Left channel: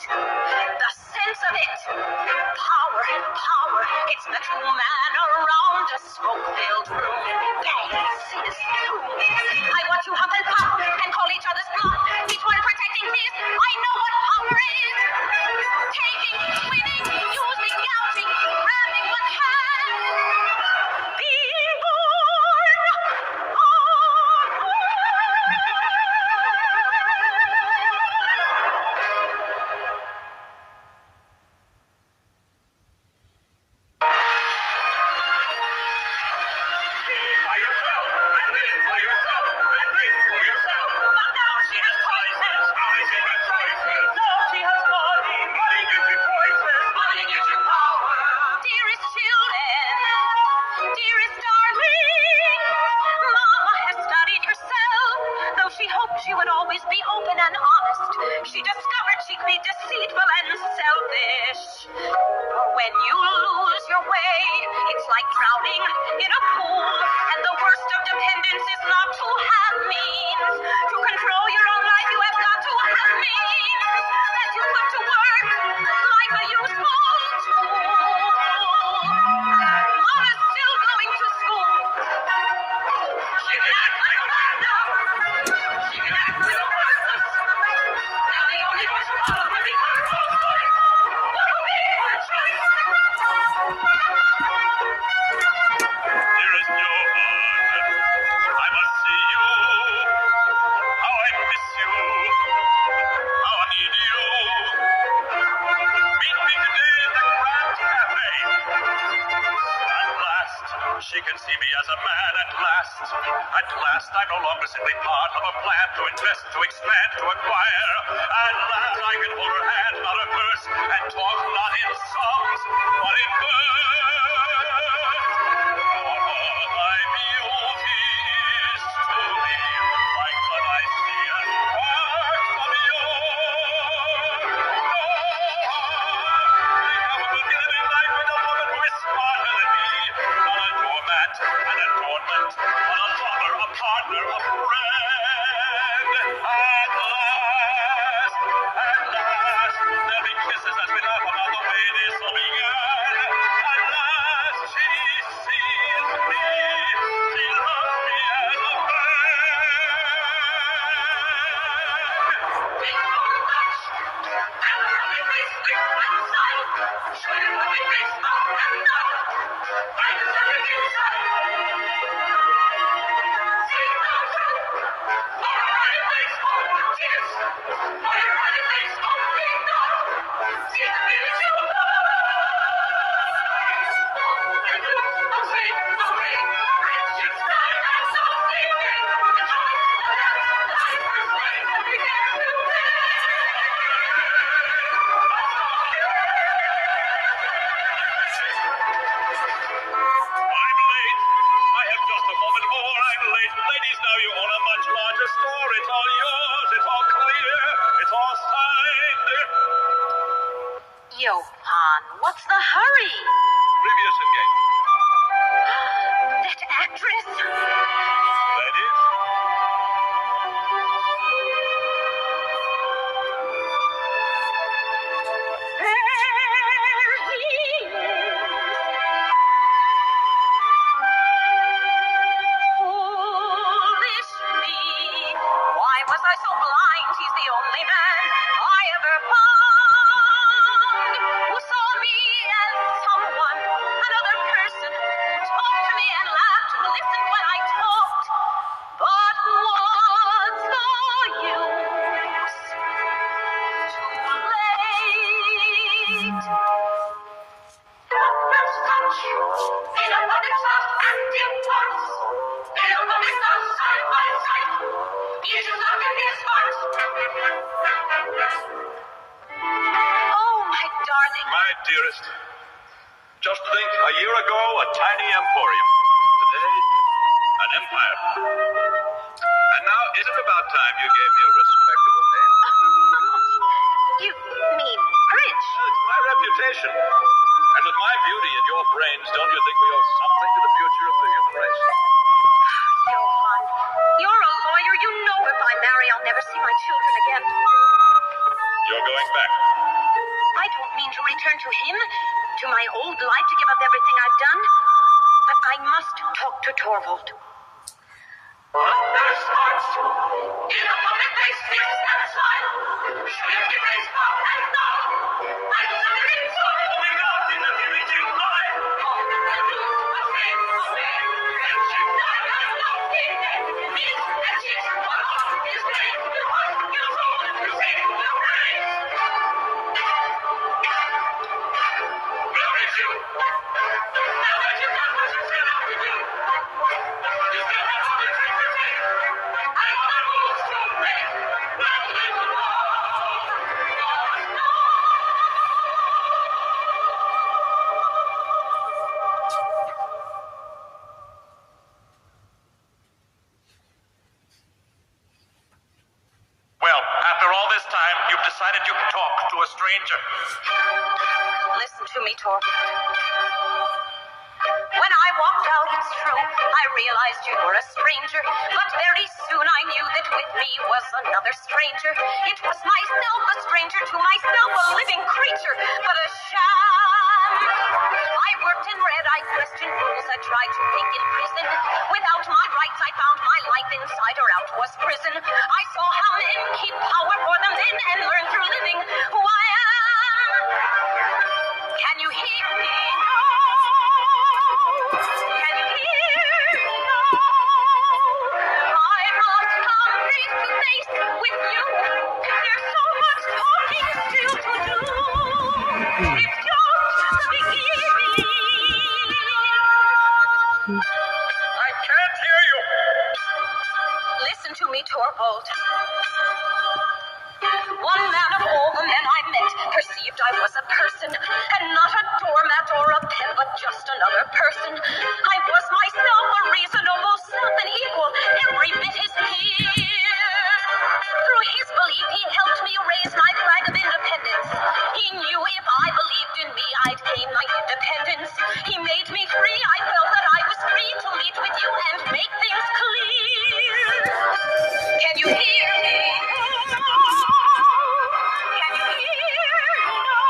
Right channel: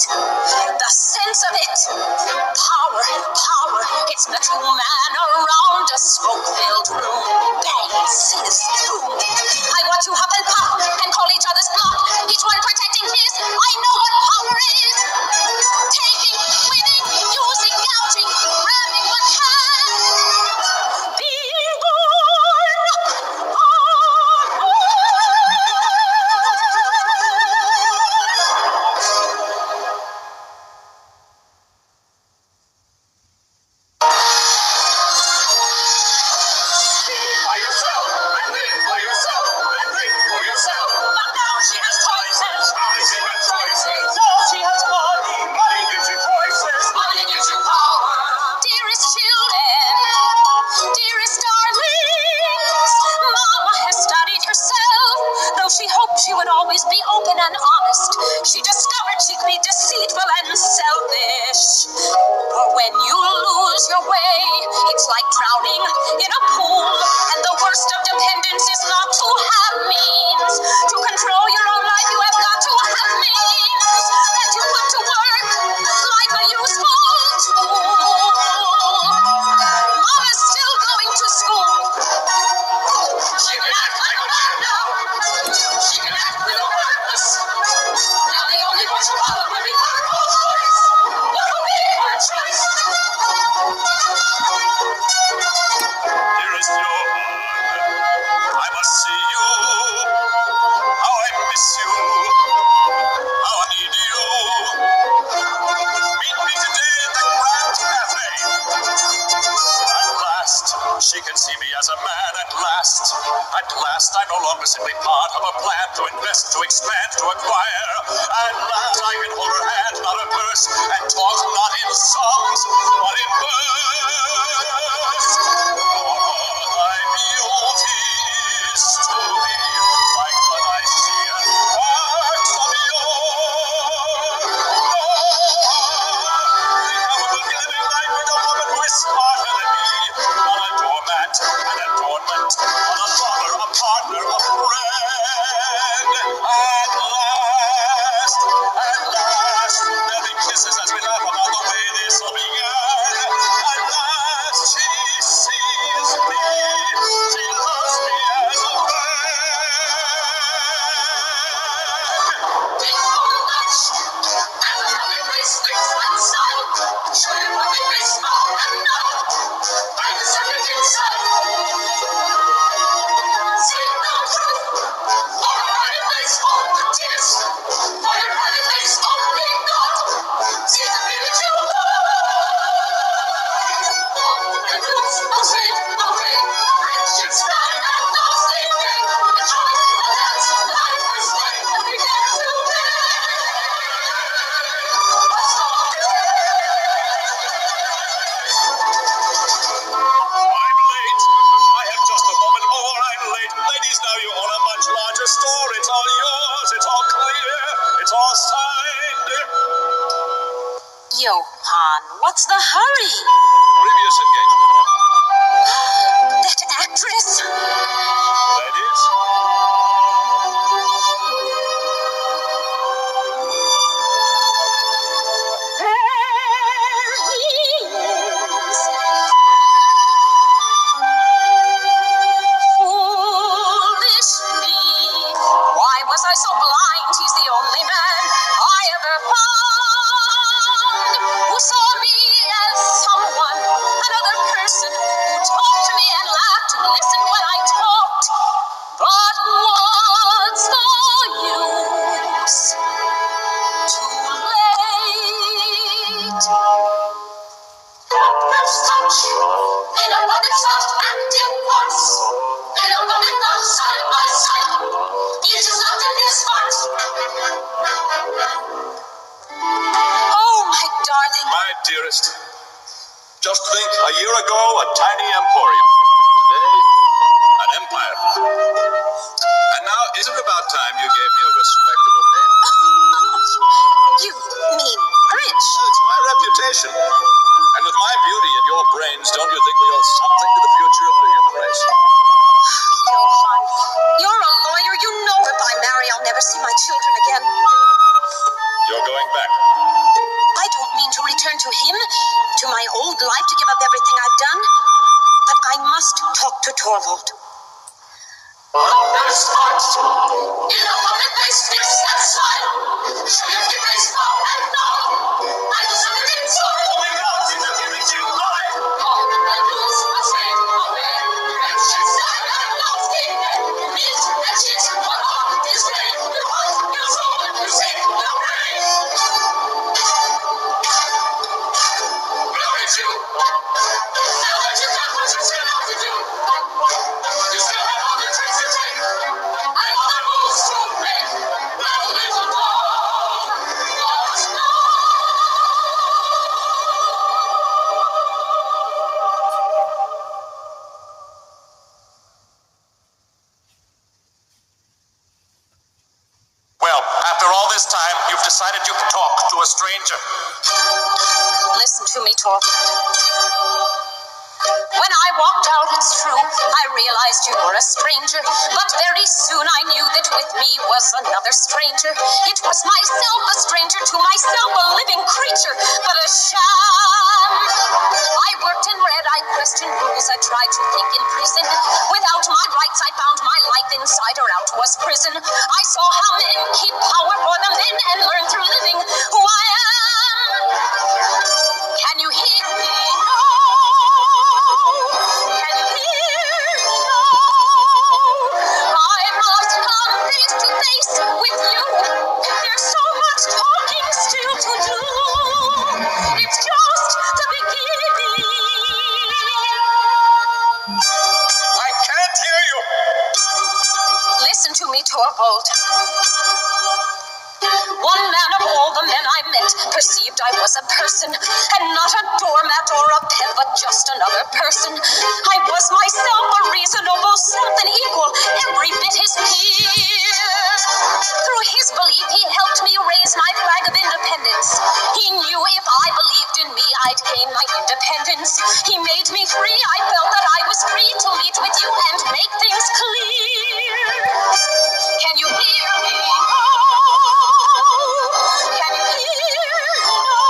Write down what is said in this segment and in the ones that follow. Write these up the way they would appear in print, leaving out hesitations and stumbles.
The sense of it. Power, power. It's metal man around a smoke-filled room. Bang, sizz, boom. I watch you hop and pop and call each other's bluff. Each one protecting his. I know what power is. Taking, winning, using, gouging, grabbing what can. Being born. But now she has choices. Now she has money. Money gives you choices. Money gives you power. Dearest children, dearest darlings, Mama has studied herself. Though she hoped she would always be open and honest, she discovered she could be deceitful and selfish. For when you lose your way, it's like drowning in a pool. And the worst of dependence is not to have means. To control your own life, you have got to have means that you put to work like a useful tool. Mama's still going to school. She can act like a man now. She can act with a purpose. Now the only one she followed would be her own voice. What will be her choice? Dearest Johan, I must see you. How I miss you. How I need you. Meet me today in the Grand Cafe. At last, she can see me as a man at last. At last, I'm no longer simply part of a plan to invest, to expand, to acquire. At last, I can hold her hand, not her purse, and talk not in songs, but in verse. Thy beauty is to me like what I see and wax of yore. I will be living life with a woman who is smarter than me, not a doormat, an adornment, but a lover, a partner, a friend. At last, there'll be kisses as we laugh about the way this all began. At last, she sees me, she loves me as a friend. Big old much, and the running race makes one side. Show you what we may smile and know. I deserve it inside. See no truth. For a running place, all the tears. For a running place, only God. See the village you love. And roots away, away. And she's flying and no sleeping. The joy, the dance, life is like we get today. What's all I'm late. I have just a moment more. I'm late. Ladies, now you own a much larger store. It's all yours. It's all clear. It's all signed. Johan, what's the hurry? Previous engagement. That actress? Ladies. There he is. Foolishly. Why was I so blind? He's the only man I ever found who saw me as someone, another person who talked to me and laughed and listened when I talked. But what's the use? Too late. First touch, in a moment soft acting once, in a moment not side by side, each is not in his heart. Oh, my darling. My dearest. Just think, a year ago, a tiny emporium. Today, an empire. And now, is it about time you gave me a respectable name? You mean rich? Well, it's my reputation. And with my beauty and your brains, don't you think we owe something to the future of the human race? Johan, you're a lawyer. You know if I marry, I'll never see my children again. You're going back. to my old life to give up everything I've done. But I must talk to Torvald. There's heart in a public place, fix and smile. Show your face now and now. I just want to get sorry. Oh my God, it's a beauty to life. All the rules must fade away. Friendships die and lost in it. Meet and cheat, but all is great. Your heart, your soul, your sin, your brain. Glory to you. Now that you've done what you set out to do, you still have all the tricks to take. I know the rules to break. Now there's a law. God's law. Well, after all this time, you've decided you can talk to a stranger. Listen to me, Torvald. When I walked out, it's true, I realized you were a stranger. But very soon I knew that with me was another stranger. It was myself, a stranger to myself, a living creature, but a sham. I worked and read, I questioned rules, I tried to think in prison. Without my rights, I found my life inside or out was prison. I saw how men keep power for the men and learn through living who I am. Can you hear me? Can you hear me now? I must come face to face with you. There's so much talking still to do. It's just the beginning. I can't hear you. Listen to me, Torvald. One man of all the men I met perceived I was a person, and not a doormat or a pen, but just another person. I was myself, a reasonable self, an equal, every bit his peer. Through his belief, he helped me raise my flag of independence. He knew if I believed in me, I'd gain my independence. He made me free. I felt that I was free to meet with you and make things clear. Can you hear me? Can you hear now?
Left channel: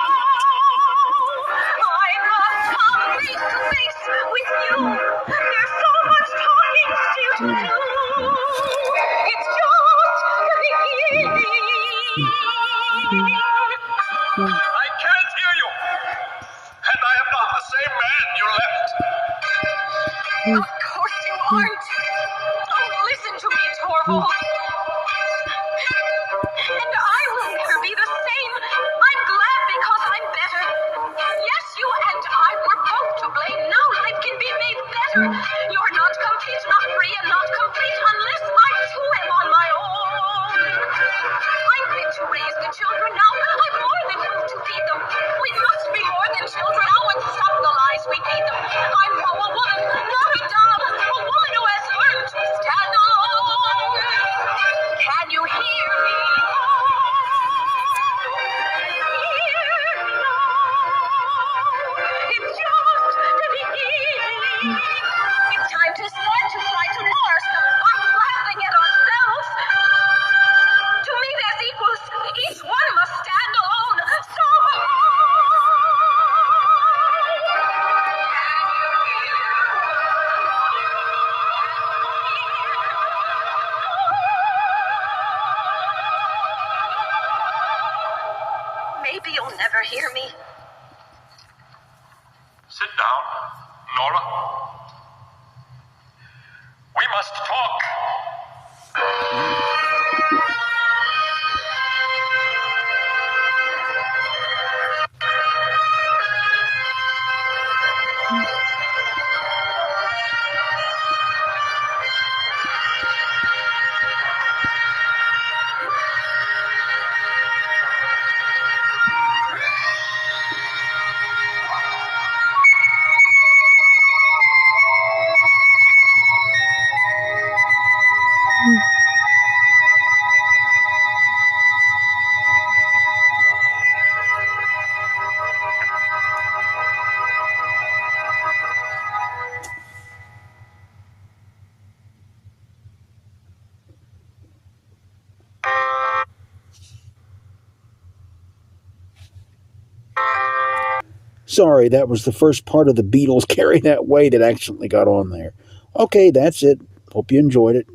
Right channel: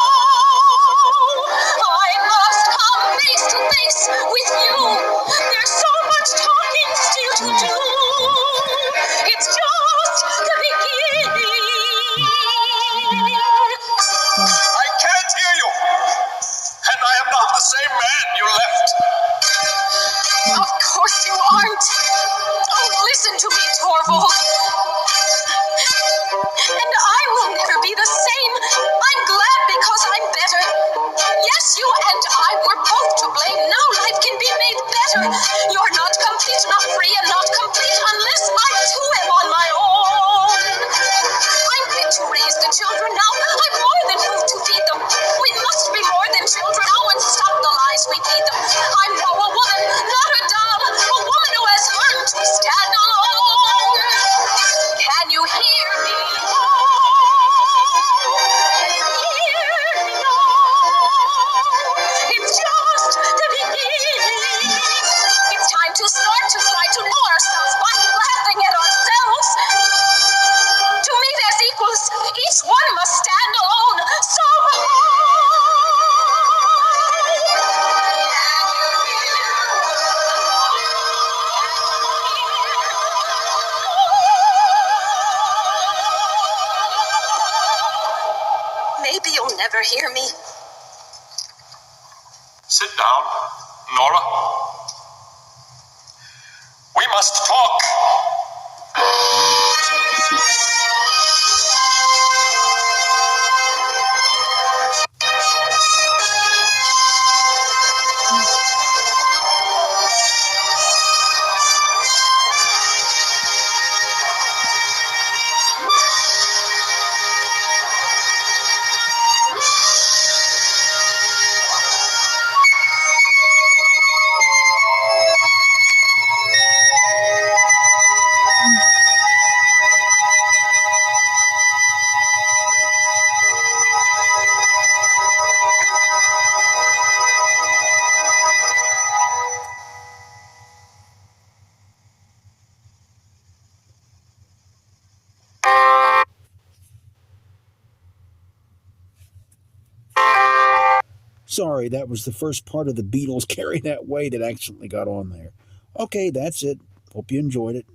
I must come face to face with you. There's so much talking still to do. It's just the beginning. I can't hear you. And I am not the same man you left. Of course you aren't. Oh, listen to me, Torvald. And I will never be the same. I'm glad because I'm better. Yes, you and I were both to blame. Now life can be made better. You're not complete, not free, and not complete unless I too am on my own. I'm fit to raise the children now. I'm more than food to feed them. We must be more than children now and stop the lies we feed them. I'm now a woman, not a doll. A woman who has learned to stand alone. Can you hear me? It's just the beginning. It's time to start to try to know ourselves by laughing at ourselves. To meet as equals, each one must stand alone. So maybe you'll never hear me. Sit down, Nora. We must talk. Sorry, that was the first part of the Beatles Carry That Way that accidentally got on there. Okay, that's it. Hope you enjoyed it.